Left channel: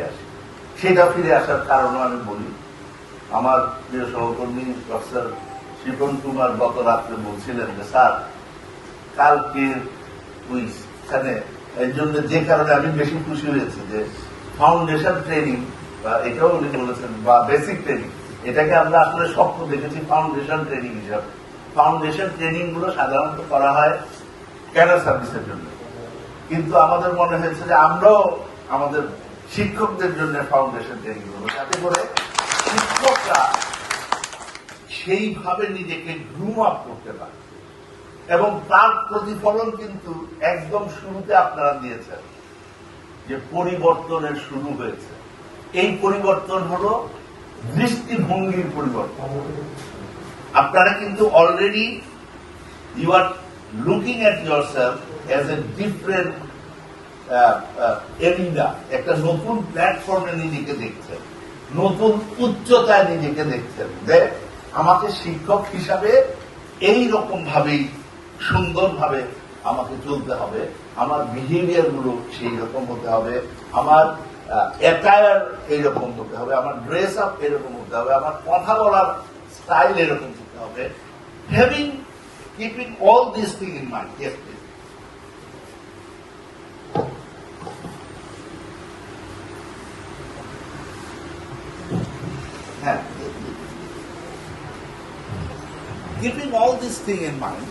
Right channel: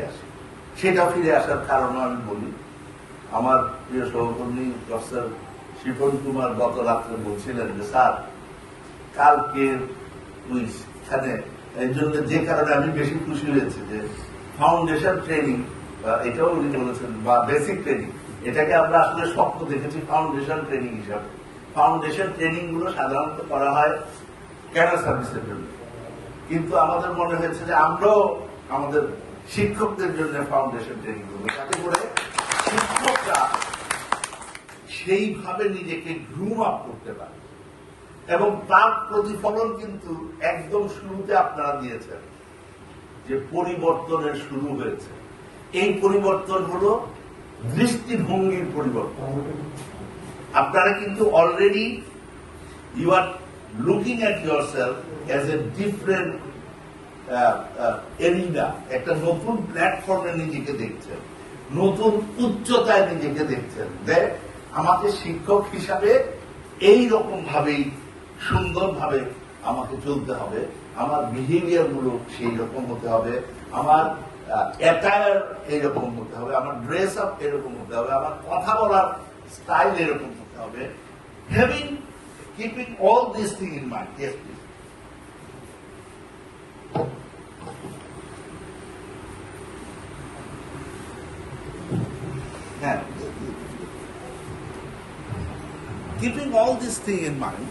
ফিরে আসি। সেটা ফিরে আসার কারণ আমি বলি, আমার প্রিয় সহকর্মী প্রফেসর শিপন কুমার গত রাত্রে বলছিলেন যে স্যার কালকে কুইজখানে এর জন্য যে কারণে আমি বেশি খুশি হয়েছি যে ফাউন্ডেশন ট্রেনিং, এটাও উনি বলেছেন, বা বেসিক ট্রেনিং, এটাকে আমরা আসলে স্বপ্ন দেখেছি ফাউন্ডেশন ট্রেনিং হিসাবে। ফাউন্ডেশন ট্রেনিং গুলো সাধারণত করা হয় ক্যাডার সার্ভিসের জন্য, কিন্তু আমাদের মনে হয়েছে যে আমরাও আমাদের শিক্ষকদের জন্য ফাউন্ডেশন ট্রেনিং করবো, যাতে করে শিক্ষকরা সেইভাবে নিজেকে গ্রুম আপ করতে পারে। এবং তার প্রতিফলন কিন্তু একদম শুরুতে আপনারা দিয়েছেন যে পরিবর্তনের শুরু হয়েছে। এই পরিবর্তন হলো দৃষ্টিভঙ্গির পরিবর্তন। আপনারা কিন্তু already you are looking at yourself as a different arena, একটা নতুন প্ল্যাটফর্মে নিজেকে দেখছেন, নতুন উচ্চতায় নিজেকে দেখছেন। দেখ, আমাকে শিক্ষক হিসাবে এই রকম ভাবেই সুন্দরভাবে আমাকে চলতে হবে, আমার বিহেভিয়ার গুলো সেই রকম হতে হবে, আমার অ্যাটায়ার এইরকম হতে হবে, আমার ড্রেস আপ এরকম হতে হবে, আমার কথা বলার স্টাইল এরকম হতে হবে। Having keeping all this thing in mind. Yes please. Keeping all this thing in mind,